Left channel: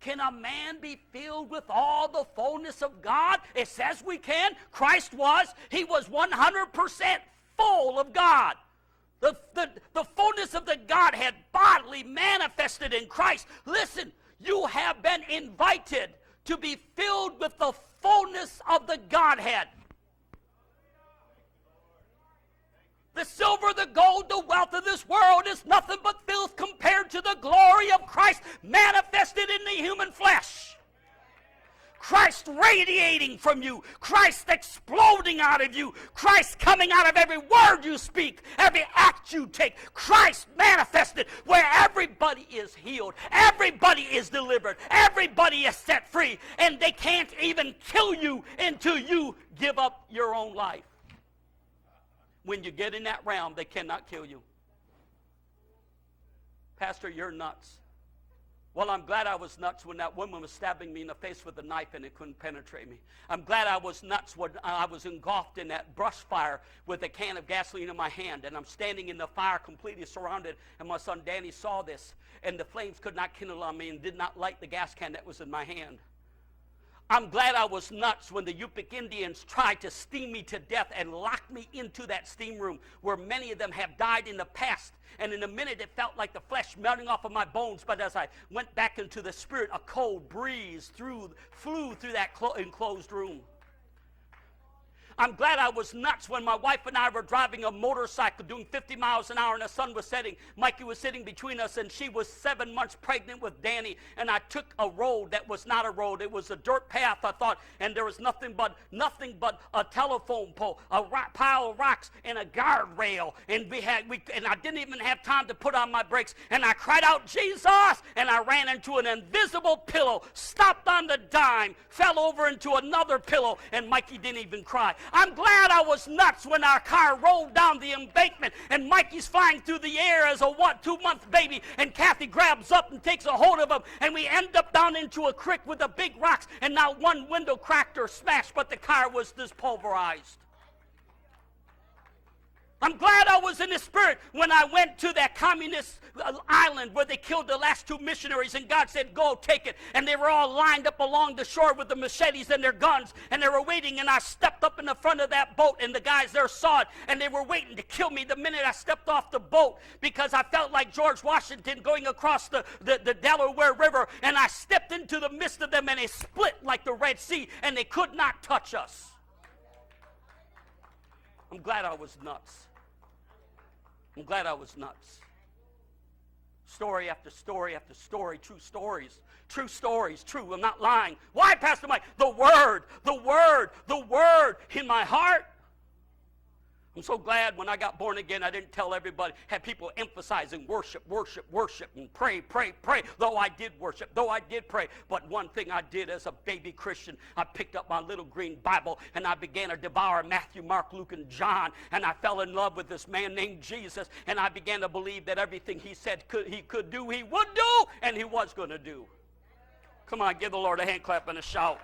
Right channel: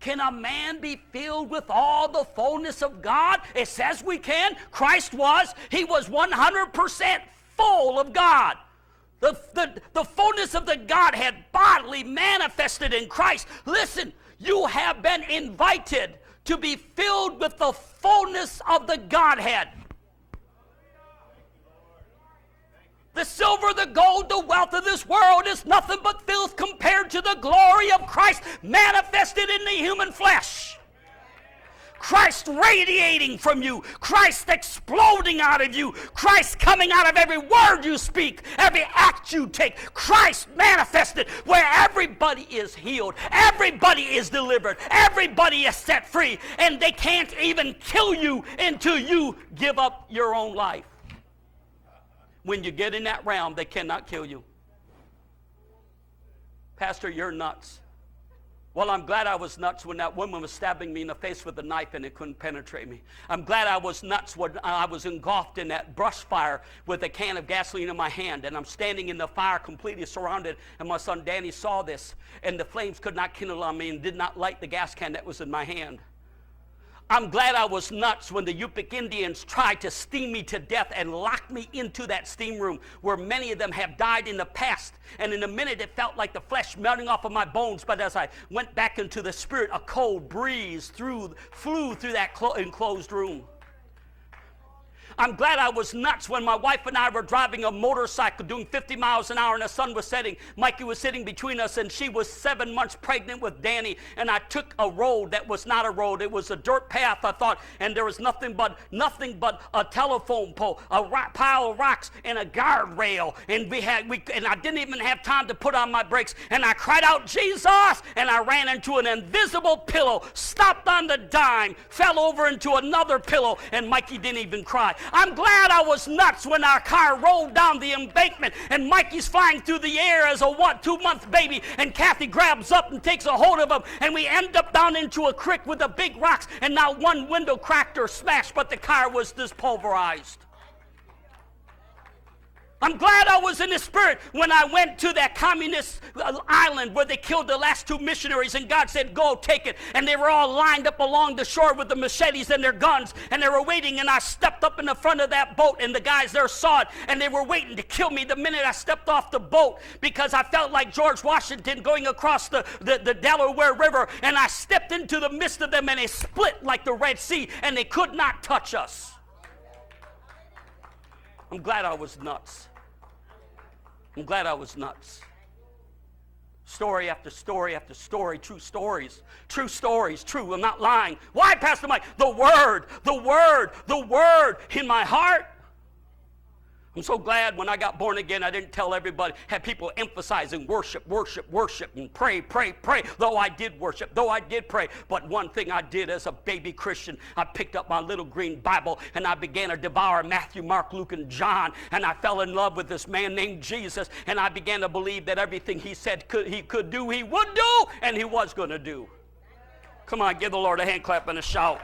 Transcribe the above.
Can a man be filled with all the fullness of God? It says we can. Christ was. He was 100% full of God. The fullness of the Godhead bodily manifested in Christ. Listen, you have been invited to be filled with the fullness of the Godhead. The silver, the gold, the wealth of this world is nothing but filth compared to the glory of Christ manifested in the human flesh. Christ radiating from you, Christ exploding out of you, Christ coming out of every word you speak, every act you take, Christ manifested where everybody is healed, everybody is delivered, everybody is set free, and they can't even kill you until you give up your own life. When you get in that realm, they cannot kill you. Pastor, you're nuts. Well, I'm glad I was nuts when that woman was stabbing me in the face with a knife and it couldn't penetrate me. I'm glad I was nuts when I was engulfed in that brush fire with a can of gasoline in my hand, and I'm standing in the fire completely surrounded, and my son Danny saw this, and the flames could not kindle on me and did not light the gas can that was in my hand. I'm glad I was nuts when the Yupik Indians tried to steam me to death and lock me into that steam room where many of them have died in the past. And in a minute it felt like the flesh melting off of my bones, but as I went back into the spirit, a cold breeze flew through that enclosed room. I'm glad I was nuts when my wife and I were driving a motorcycle doing 50 miles an hour and the sun was setting. Mikey was sitting between us, and she was 7 months pregnant with Danny, and I took a road that was not a road. It was a dirt path, I thought, and there was nothing but a telephone pole, a pile of rocks, and a guardrail, and I didn't even have time to put on my brakes, and I cried out, Jesus, and I ran into an invisible pillow, stopped on the dime, fell over into another pillow, and Mikey didn't even cry. I'm glad I was nuts when our car rolled down the embankment and Mikey's flying through the air as a 2-month baby, and Kathy grabs up and takes a hold of him, and we end up down into a creek with the big rocks, and not one window cracked or smashed, but the car was dispulverized. I'm glad I was in the spirit when I went to that communist island where they killed the last 2 missionaries, and God said, go, take it. And they were all lined up along the shore with the machetes and their guns, and they were waiting, and I stepped up in the front of that boat, and the guys there saw it, and they were waiting to kill me the minute I stepped off the boat, because I felt like George Washington going across the Delaware River, and I stepped into the midst of them, and they split like the Red Sea, and they could not touch us. I'm glad I was nuts. I'm glad I was nuts. Story after story after story, true stories. True stories, true. I'm not lying. Why, Pastor Mike? The word in my heart. I'm so glad when I got born again, I didn't tell everybody, had people emphasizing worship, and pray. Though I did worship, though I did pray. But one thing I did as a baby Christian, I picked up my little green Bible, and I began to devour Matthew, Mark, Luke, and John, and I fell in love with this man named Jesus, and I began to believe that everything he said he could do, he would do, and he was going to do. Come on, give the Lord a hand clap and a shout.